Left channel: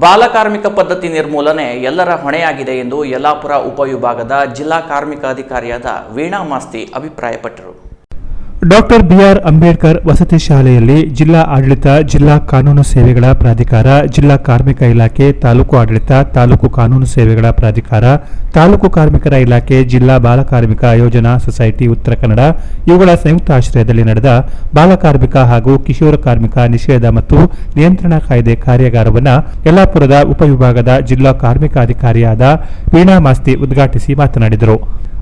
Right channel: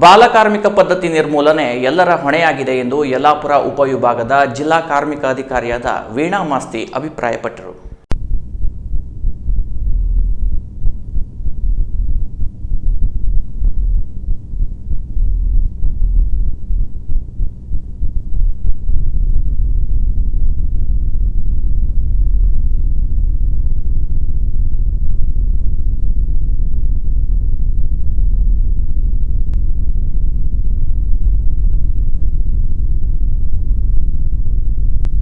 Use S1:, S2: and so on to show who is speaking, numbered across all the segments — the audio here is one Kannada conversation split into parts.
S1: ಬಾಲಕಾರ್ಮಿಕ ಪದ್ಧತಿ ನಿರ್ಮೂಲನೆ ಎಲ್ಲರ ಹೊಣೆಯಾಗಿದೆ ಎಂದು ಯಲ್ಲಾಪುರ ಉಪವಿಭಾಗದ ಜಿಲ್ಲಾ ಕಾರ್ಮಿಕ ಅಧಿಕಾರಿಯಾದ ವೀಣಾ ಮಾಸ್ತಿ ಅಭಿಪ್ರಾಯಪಟ್ಟರು.
S2: ಡಾಕ್ಟರ್ ಬಿಆರ್ ಅಂಬೇಡ್ಕರ್ ವಸತಿ ಶಾಲೆಯಲ್ಲಿ ಜಿಲ್ಲಾ ಆಡಳಿತ, ಜಿಲ್ಲಾ ಕಾನೂನು ಸೇವೆಗಳ ಪ್ರಾಧಿಕಾರ, ಜಿಲ್ಲಾ ಕಾರ್ಮಿಕ ಇಲಾಖೆ, ತಾಲೂಕು ಆಡಳಿತ, ತಾಲೂಕು ಕಾನೂನು ಸೇವೆಗಳ ಪ್ರಾಧಿಕಾರ ತಾಲೂಕು ಕಾರ್ಮಿಕರ ಇಲಾಖೆ, ಜಿಲ್ಲಾ ಬಾಲಕಾರ್ಮಿಕ ಯೋಜನಾ ಸೊಸೈಟಿ ಉತ್ತರ ಕನ್ನಡ, ಇವುಗಳ ಸಂಯುಕ್ತ ಆಶ್ರಯದಲ್ಲಿ ನಡೆದ ಬಾಲಕಾರ್ಮಿಕ ಹಾಗೂ ಕಿಶೋರ ಕಾರ್ಮಿಕ ನಿಷೇಧ ಮತ್ತು ನಿಯಂತ್ರಣ ಕಾಯ್ದೆ ಕಾರ್ಯಾಗಾರವನ್ನು ಯಲ್ಲಾಪುರದ ಉಪವಿಭಾಗದ ಜಿಲ್ಲಾ ಕಾರ್ಮಿಕಾಧಿಕಾರಿಯಾದ ವೀಣಾ ಮಾಸ್ತಿ ಉದ್ಘಾಟಿಸಿ ಮಾತನಾಡಿದರು.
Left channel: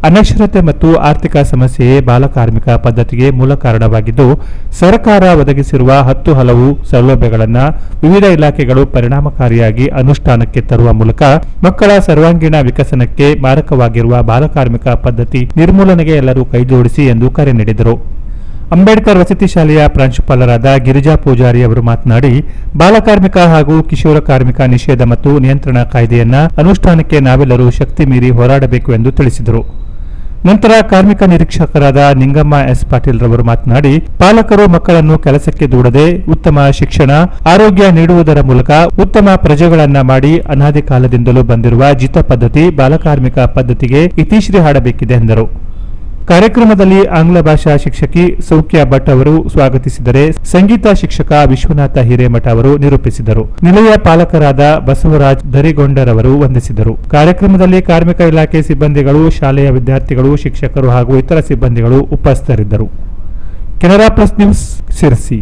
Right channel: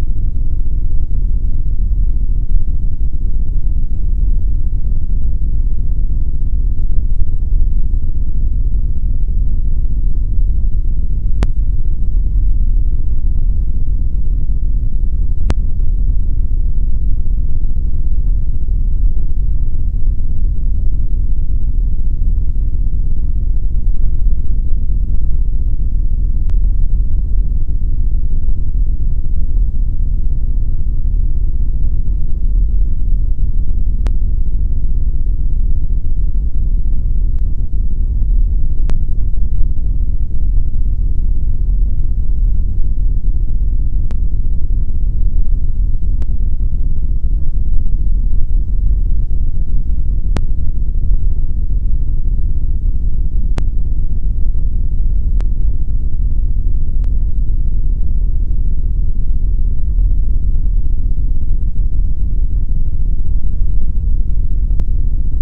S2: ಅನಕ್ಷರತೆ ಮತ್ತು ಆರ್ಥಿಕ ಸಮಸ್ಯೆಯೇ ಬಾಲಕಾರ್ಮಿಕ ಪದ್ಧತಿಗೆ ಮೂಲ ಕಾರಣವಾಗಿದ್ದು, ಸರ್ಕಾರ ಒದಗಿಸಿರುವ ಹತ್ತು ಹಲವು ಸೌಲಭ್ಯಗಳನ್ನು ವಿವಿಧ ಇಲಾಖೆಗಳು ಪರಿಣಾಮಕಾರಿಯಾಗಿ ಅನುಷ್ಠಾನಕ್ಕೆ ತರುವ ಮೂಲಕ ಮಕ್ಕಳ ಸರ್ವಾಂಗೀಣ ವಿಕಸನಕ್ಕೆ ಮಾರಕವಾಗಿರುವ ಬಾಲಕಾರ್ಮಿಕ ಪದ್ಧತಿ ನಿರ್ಮೂಲನೆಗೆ ಎಲ್ಲರೂ ಕೈಜೋಡಿಸಿ ಎಂದು ಕರೆ ನೀಡಿದರು. ಅಂಬೇಡ್ಕರ್ ವಸತಿ ಶಾಲೆಯ ಪ್ರಾಂಶುಪಾಲರಾದ ಗಿರಿಜಾ ಪೂಜಾರಿ ಅವರು ಮಾತನಾಡಿ, ಬಾಲಕಾರ್ಮಿಕ ಹಾಗೂ ಕಿಶೋರ ಕಾರ್ಮಿಕ ನಿಷೇಧ ಮತ್ತು ನಿಯಂತ್ರಣ ಕಾಯ್ದೆಯನ್ನ ಅನುಷ್ಠಾನಕ್ಕೆ ನಾವೆಲ್ಲರೂ ಶಕ್ತಿ ಮೀರಿ ಹೋರಾಡಬೇಕು ಎಂದು ತಿಳಿಸಿದರು. ನಂತರ ಕಾರ್ಮಿಕ ನಿರೀಕ್ಷಕರಾದ ನಿಂಗಮ್ಮ ಎಸ್ ಪಾಟೀಲ್ ರವರು ಮಾತನಾಡಿ, ಪಾಲಕರು ಮಕ್ಕಳನ್ನು ಕೆಲಸಕ್ಕೆ ದೂಡದೆ ಉತ್ತಮ ಶಿಕ್ಷಣ, ಆರೋಗ್ಯ ನೀಡುವುದರ ಮೂಲಕ ಉತ್ತಮ ಪ್ರಜೆಗಳನ್ನ ಮಾಡಿ ಅನಾದಿ ಕಾಲದಿಂದಲೂ ಬಂದಿರುವ ಜಿತ ಪದ್ಧತಿ, ಬಾಲಕಾರ್ಮಿಕ ಪದ್ಧತಿಗೆ ಇತಿಶ್ರೀ ಹಾಡಬೇಕಿದೆ ಎಂದರು. ಕಾರ್ಯಕ್ರಮದಲ್ಲಿ ಆಂಗ್ಲ ಭಾಷಾ ಶಿಕ್ಷಕಿ ಸೌಖ್ಯ ಭಟ್ ಅವರು ಸ್ವಾಗತಿಸಿದರೆ ಸಂಗೀತ ಶಿಕ್ಷಕ ವಿಶ್ವನಾಥ ಹಿರೇಮಠ ಅವರು ನಿರೂಪಿಸಿದರು. ನಿಲಯ ಪಾಲಕರಾದ ಬಸವರಾಜ್ ದರಿಗೊಂಡರವರು ವಂದಿಸಿದರು. ಕಾರ್ಯಕ್ರಮದಲ್ಲಿ ಕಾರ್ಮಿಕ ಇಲಾಖೆ ಸಿಬ್ಬಂದಿಗಳು, ಶಾಲೆಯ ವಿದ್ಯಾರ್ಥಿಗಳು, ಶಿಕ್ಷಕರು ಹಾಗೂ ಇತರ ಸಿಬ್ಬಂದಿಗಳು ಉಪಸ್ಥಿತರಿದ್ದರು. Canara plus news Sirsi